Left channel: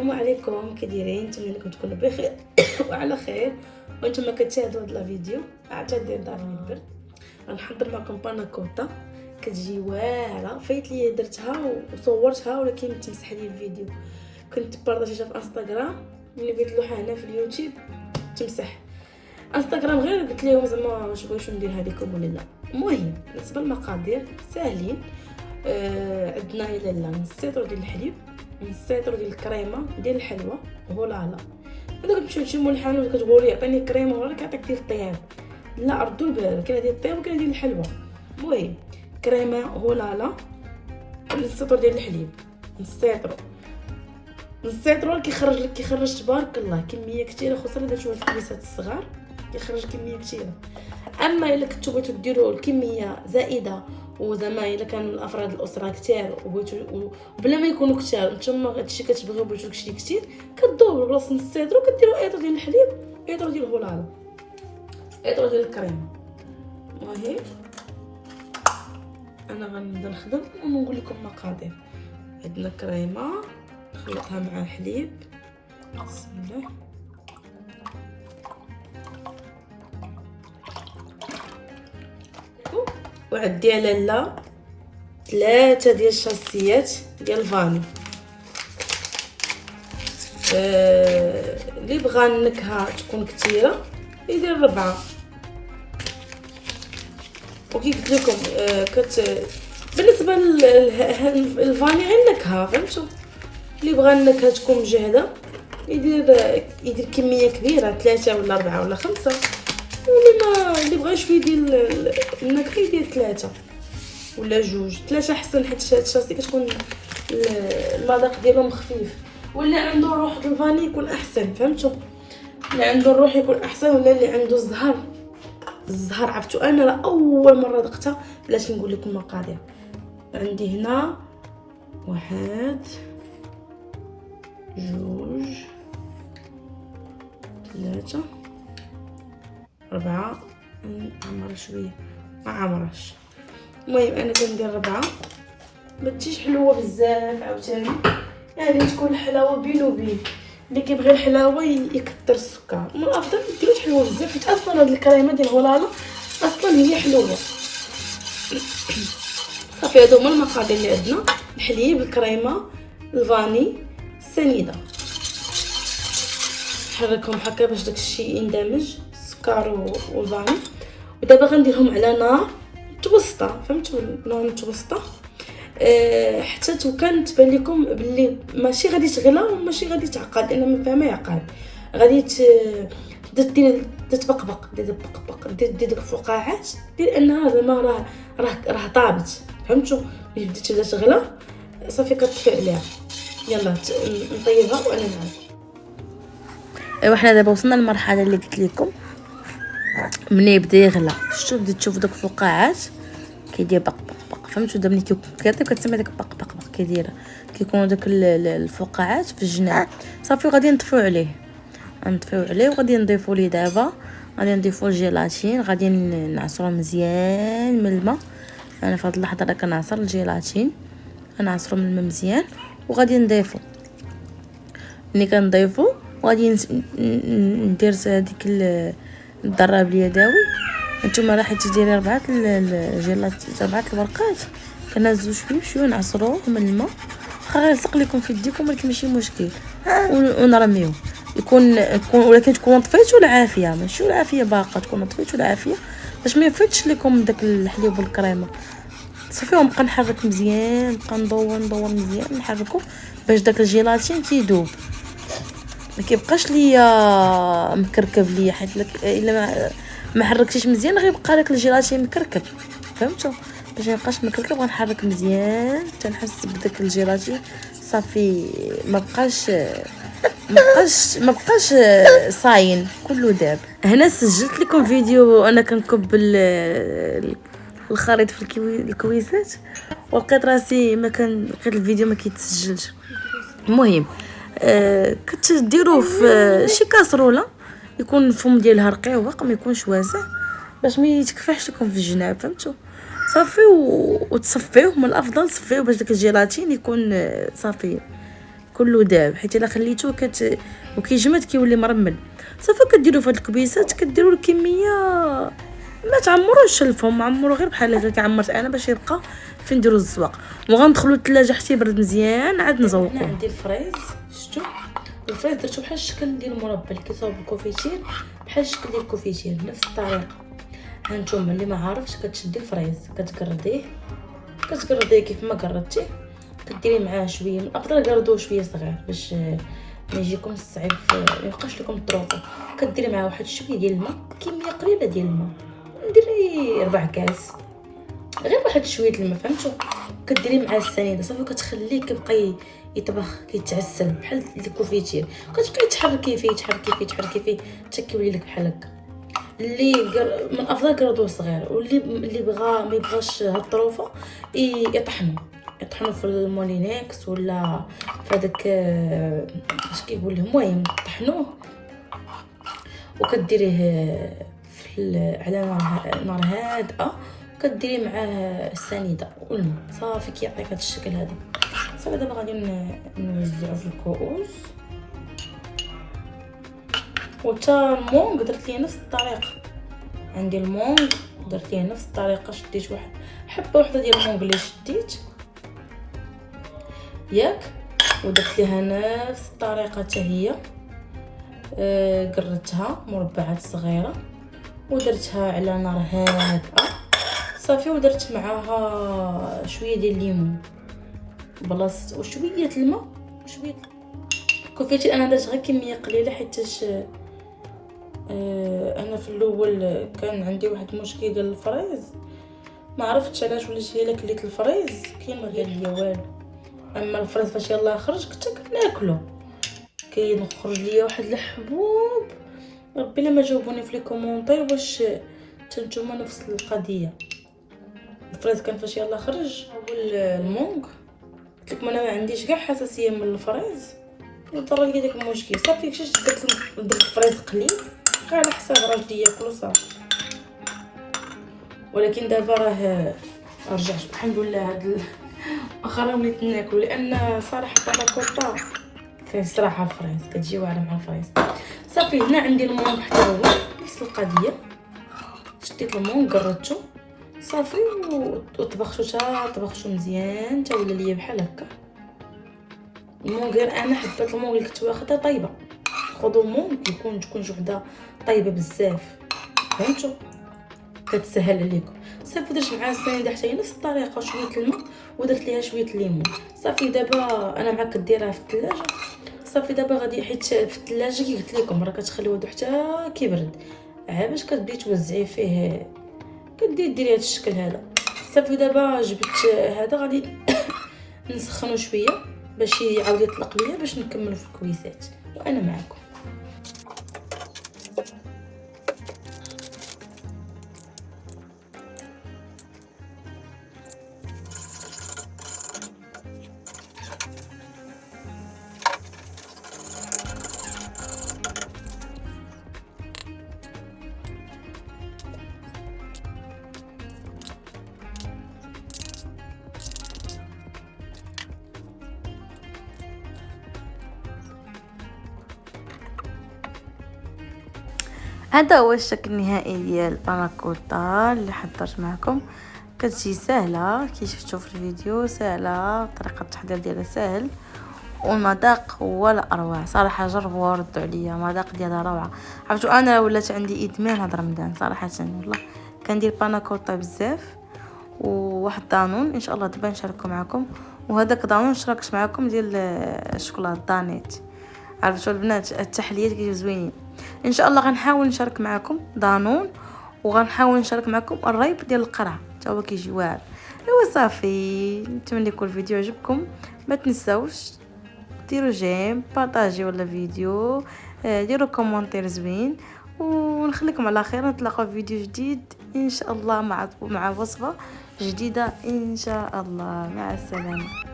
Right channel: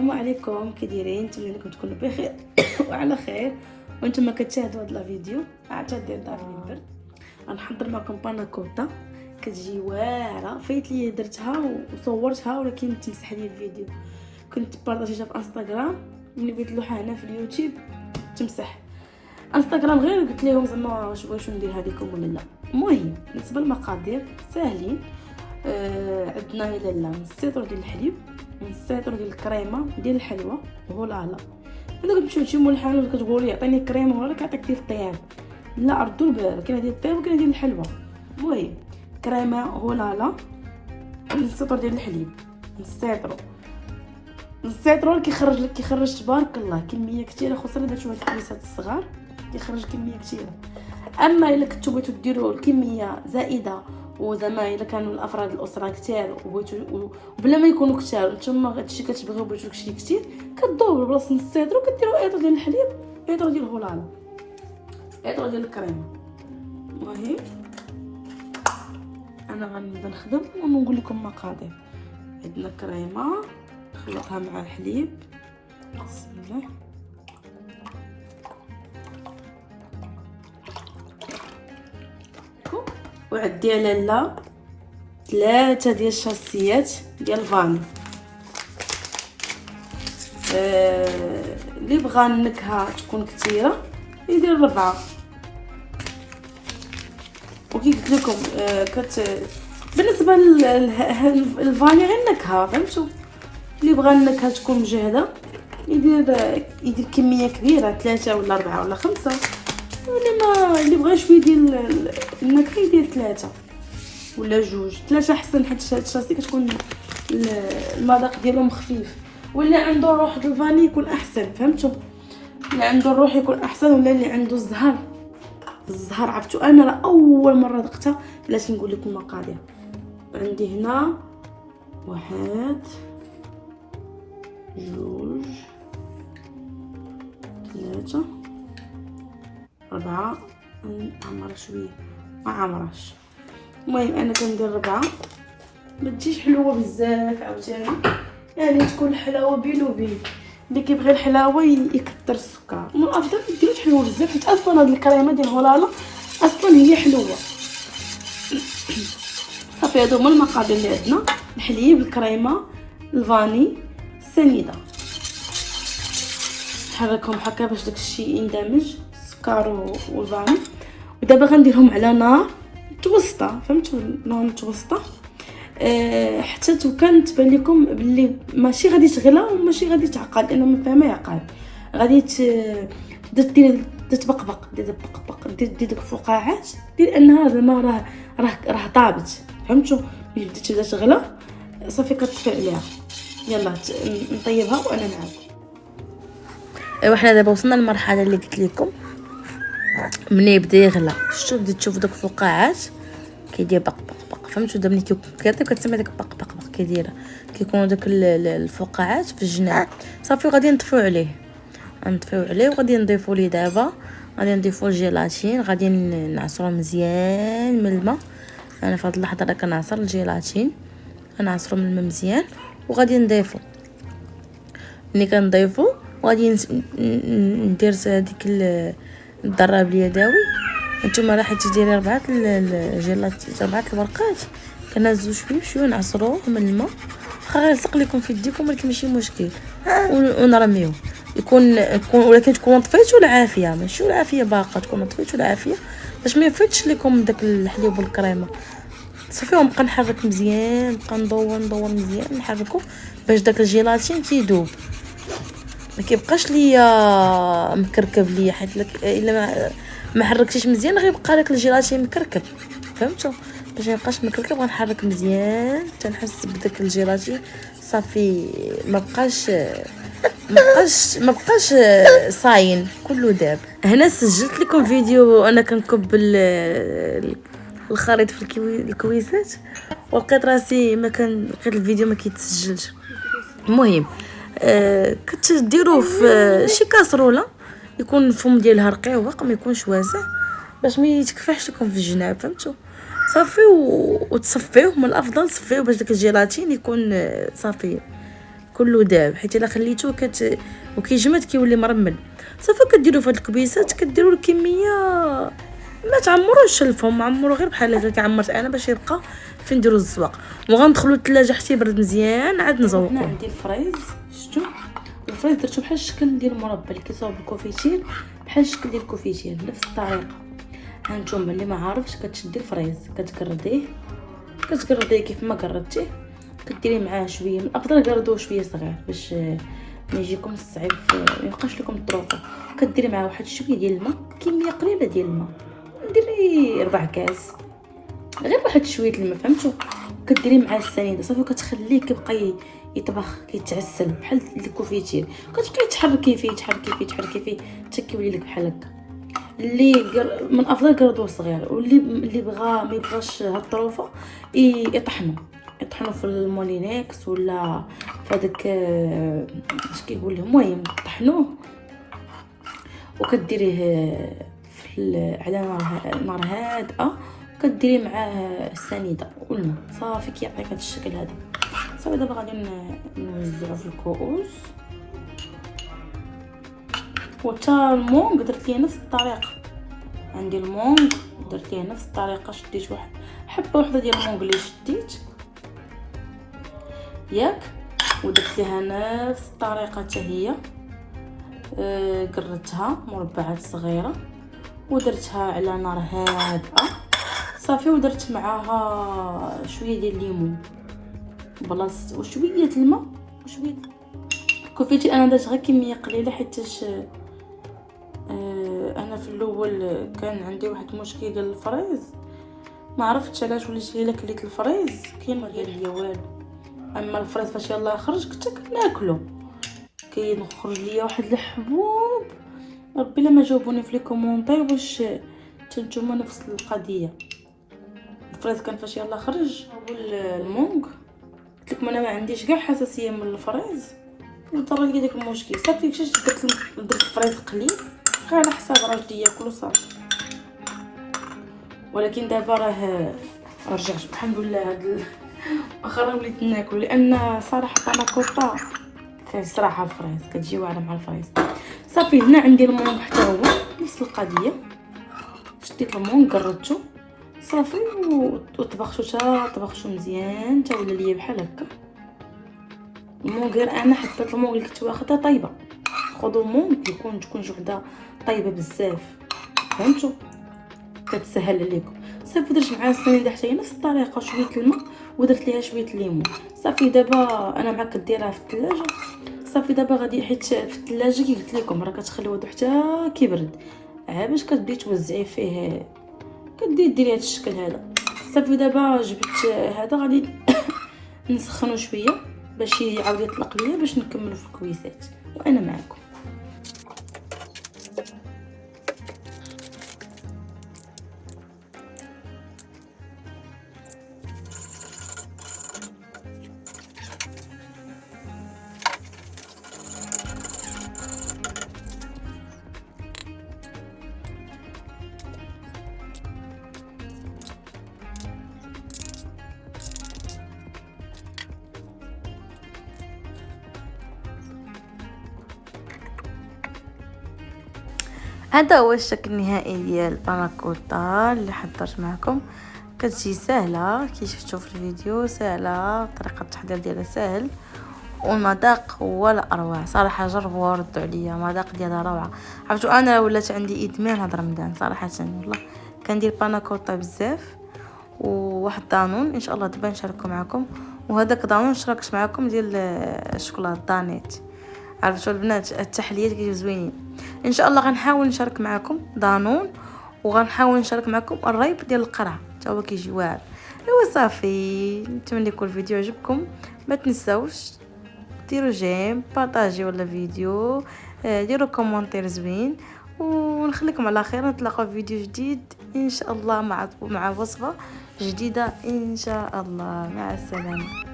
السلام عليكم، كي دايرين؟ نتمنى لكم تكونوا بخير وعلى خير وانتم كتشاهدوا هذا الفيديو. اعتذر دار من البرد. غنحضر معكم باناكوتا كتجي واعره، فايت لي درتها وصورتها ولكن متمسح لي الفيديو. كنت بارطاجيتها في انستغرام، ملي بغيت نلوحها هنا في اليوتيوب تمسح انستغرام. غير قلت لهم زعما واش بغيتو نديرها لكم ولا لا. المهم بالنسبه للمقادير ساهلين. عندنا الى نص لتر ديال الحليب، نص لتر ديال الكريمه ديال الحلوى فولالا. الا كنتو تمشيو للحانوت كتقولي عطيني كريمه ولا كيعطيك ديال الطياب، لا ردوا البال، كاين ديال الطياب وكاين ديال الحلوى. المهم كريمه فولالا، نص لتر ديال الحليب، نص لتر كيخرج تبارك الله كميه كثيره، خصوصا الا درتو هاد الكريسات الصغار كيخرج كميه كثيره. اما الا كنتو بغيتو ديروا الكميه زائده وزعما الا كانوا الافراد الاسره كثار وبغيتو وبلا ما يكونوا كثار نتوما هادشي كتبغيو بغيتو داكشي كثير، كدوبلوا بلاصه نص لتر وكديروا ايطر ديال الحليب، ايطر ديال الفولالا، ايطر ديال الكريمه. المهم انا غنبدا نخدم ونقول لكم المقادير. عندنا الكريمه نخلطها مع الحليب، بسم الله. وعندي على لا 3 ديال الشاسيات ديال الفاني. اللي بغى النكهه تكون كثيره يدير 4. وكي قلت لكم بالنسبه للفاني غير النكهه، فهمتوا؟ اللي بغى النكهه تكون مجهده يدير كميه كبيره، 3 ولا 4 ولا 5. اللي بغى شويه ديال النكهه يدير 3 ولا 2. 3 احسن، حيت هاد الشاسي كتكون المذاق ديالهم خفيف. ولا عنده روح الفاني يكون احسن، فهمتوا؟ اللي عنده الروح يكون احسن، ولا اللي عنده الزهر عرفتوا. انا راه اول مره ذقتها، علاش نقول لكم المقادير. عندي هنا 1 2 3 4. عمر شويه ما عمرش. المهم انا كندير 4، ما تجيش حلوه بزاف عاوتاني، يعني تكون الحلاوه بين وبين. اللي كيبغي الحلاوه يكثر السكر، من الافضل ما ديروش حلوه بزاف، حيت اصلا هاد الكريمه ديال الفولالا اصلا هي حلوه. صافي هادو هما المقادير اللي عندنا: الحليب، الكريمه، الفاني، السنيده. نحركهم هكا باش داكشي يندمج، السكر والفاني. ودابا غنديرهم على نار متوسطه، فهمتوا؟ نار متوسطه حتى كان تبان لكم باللي ماشي غادي تغلى وماشي غادي تعقد، لان ما فيها ما يعقد. غادي تبقبق، دير الفقاعات، لانها زعما راه طابت، فهمتوا؟ ملي تبدا تغلى صافي كتطفي عليها. يلا نطيبها وانا معاكم. ايوا حنا دابا وصلنا للمرحله اللي قلت لكم، ملي يبدا يغلى شفتوا بديت تشوفوا داك الفقاعات كيدير بق بق بق، فهمتوا؟ دابا ملي كيطيب كتسمع داك بق بق بق كيدير، كيكونوا داك الفقاعات في الجناب. صافي غادي نطفيو عليه وغادي نضيفوا ليه دابا، غادي نضيفوا الجيلاتين، غادي نعصروا مزيان من الماء. انا في هذه اللحظه راه كنعصر الجيلاتين، كنعصروا من الماء مزيان وغادي نضيفوا. ملي كنضيفوا وغادي ندير هذيك الضراب اليدوي. نتوما راه حيت ديري 4 الجيلات، 4 الورقات، كنهزو شويه بشويه نعصروه من الماء. واخا غيلصق لكم في يديكم ولكن ماشي مشكل، ونرميوه. يكون ولكن تكونوا طفيتوا العافيه، ماشي العافيه باقه، تكونوا طفيتوا العافيه باش ما يفوتش لكم داك الحليب والكريمه. صافي ونبقى نحرك مزيان، نبقى ندور مزيان، نحركو باش داك الجيلاتين تيذوب، ما كيبقاش ليا مكركب ليا، حيت الا ما حركتيش مزيان غيبقى لك الجيلاتين مكركب، فهمتوا؟ باش ما يبقاش مكركب غنحرك مزيان حتى نحس بداك الجيلاتين صافي ما بقاش صاين، كله داب. هنا سجلت لكم فيديو انا كنكب الخليط في الكويسات، ولقيت راسي ما كان لقيت الفيديو ما كيتسجلش. المهم كتديروه في شي كاسروله يكون الفم ديالها رقيق، ما يكونش واسع باش ما يتكفحش لكم في الجناب، فهمتوا؟ صافي وتصفيوه. من الافضل تصفيوه باش داك الجيلاتين يكون صافي كله داب، حيت الا خليتوه وكيجمد كيولي مرمل. صافي كديروا في هاد الكبيسات كديروا الكميه، ما تعمروش الفم، عمرو غير بحال هكا كعمرت انا باش يبقى فين نديروا الزواق. وغندخلوا للثلاجه حتى يبرد مزيان عاد نزوقوه. عندي الفريز، شفتوا الفريز درتو بحال الشكل ديال المربى اللي كيصاوب الكوفيتير، بحال الشكل ديال الكوفيتير نفس الطريقه. هانتوما اللي ما عارفش كتشدي الفريز كتقرديه كيف ما قردتيه، كديري معاه شويه، الافضل قردوه شويه صغير باش ما يجيكم الصعيب ما يبقاش لكم الطروق. كديري معاه واحد شويه ديال الماء، كميه قليله ديال الماء، نديري 4 كاس، غير واحد شويه الماء فهمتوا. كديري معاه السنيده صافي، كتخليه كيبقى يطبخ كيتعسل بحال الكوفيتير، كتبقاي تحركي فيه حتى كيولي لك بحال هكا. اللي من افضل قردوه صغير، واللي بغى ما يبغاش الطروفه يطحنوا في المولينكس ولا في هذاك اش كيقول له، المهم طحنوه وكديريه على نار هادئه، كديري معاه السنيده والماء صافي كيعطيك هذا الشكل هذا. صافي دابا غادي نوزعو في الكؤوس. وتا المونغ درت ليه نفس الطريقه، عندي المونغ درت ليه نفس الطريقه، شديت واحد حبه وحده ديال المونغ اللي شديت ياك، ودرت ليها نفس الطريقه حتى هي، قردتها مربعات صغيره ودرتها على نار هادئه صافي، ودرت معاها شويه ديال الليمون بلاص وشويه الماء وشويه كوفيتي. انا درت غير كميه قليله حيتاش انا في الاول كان عندي واحد المشكل ديال الفريز، ما عرفتش علاش وليت هي كليت الفريز كاين ما قال لي والو. اما الفريز فاش يلاه خرج كنت كناكلو، كيخرج ليا واحد الحبوب، ربي الا ما جاوبوني في لي كومونتير واش نتوما نفس القضيه. الفريز كان فاش يلاه خرج هو المونغ، قلت لكم انا ما عنديش كاع حساسيه من الفريز، نضطر لقيت داك المشكل صافي. كشش درت الفريز قليل غير على حساب راجلي ياكلو صافي. ولكن دابا راه رجعت الحمد لله هاد اخر وليت ناكل، لان صراحه باناكوطا فيه صراحه الفريز كتجي واعره مع الفريز. صافي هنا عندي المون حتى هو نفس القضيه، شديت المون قردتو صافي وطبختو مزيان حتى ولا ليا بحال هكا. المون غير انا حبيت المون اللي كنت واخدها طايبه، خذوا المون تكون وحده طايبه بزاف فهمتوا، كتسهل عليكم. صافي درت معها السنيده حتى هي نفس الطريقه، شويه الماء ودرت ليها شويه الليمون صافي. دابا انا معاك كديرها في الثلاجه صافي. دابا غادي حيت في الثلاجه كي قلت لكم راه كتخليوه حتى كيبرد، باش كتبداي توزعي فيه ديري هذا الشكل هذا صافي. دابا جبت هذا غادي نسخنو شويه باش يعاود يطلق ليا باش نكملوا في الكويسات وانا معكم. هذا هو الشكل النهائي ديال الباناكوطا اللي حضرت معكم. كتجي سهله كي شفتوا في الفيديو، سهله طريقه التحضير ديالها سهل، والمذاق هو لا اروع صراحه. جربوا وردوا عليا، المذاق ديالها روعه. عرفتوا انا ولات عندي ادمان هذا رمضان صراحه، والله كندير باناكوطا بزاف. وواحد دانون ان شاء الله دابا نشاركو معكم، وهذاك دانون شاركت معكم ديال الشوكولاته دانيت. عرفتوا البنات التحليات كيجيو زوينين. ان شاء الله غنحاول نشارك معكم دانون، وغنحاول نشارك معكم الريب ديال القرع حتى هو كيجي واعر. ايوا صافي، نتمنى يكون الفيديو عجبكم. ما تنساوش ديروا جيم، بارطاجيو ولا فيديو، ديروا كومونتير زوين، ونخليكم على خير. نتلاقاو في فيديو جديد ان شاء الله مع وصفه جديده ان شاء الله. مع السلامه.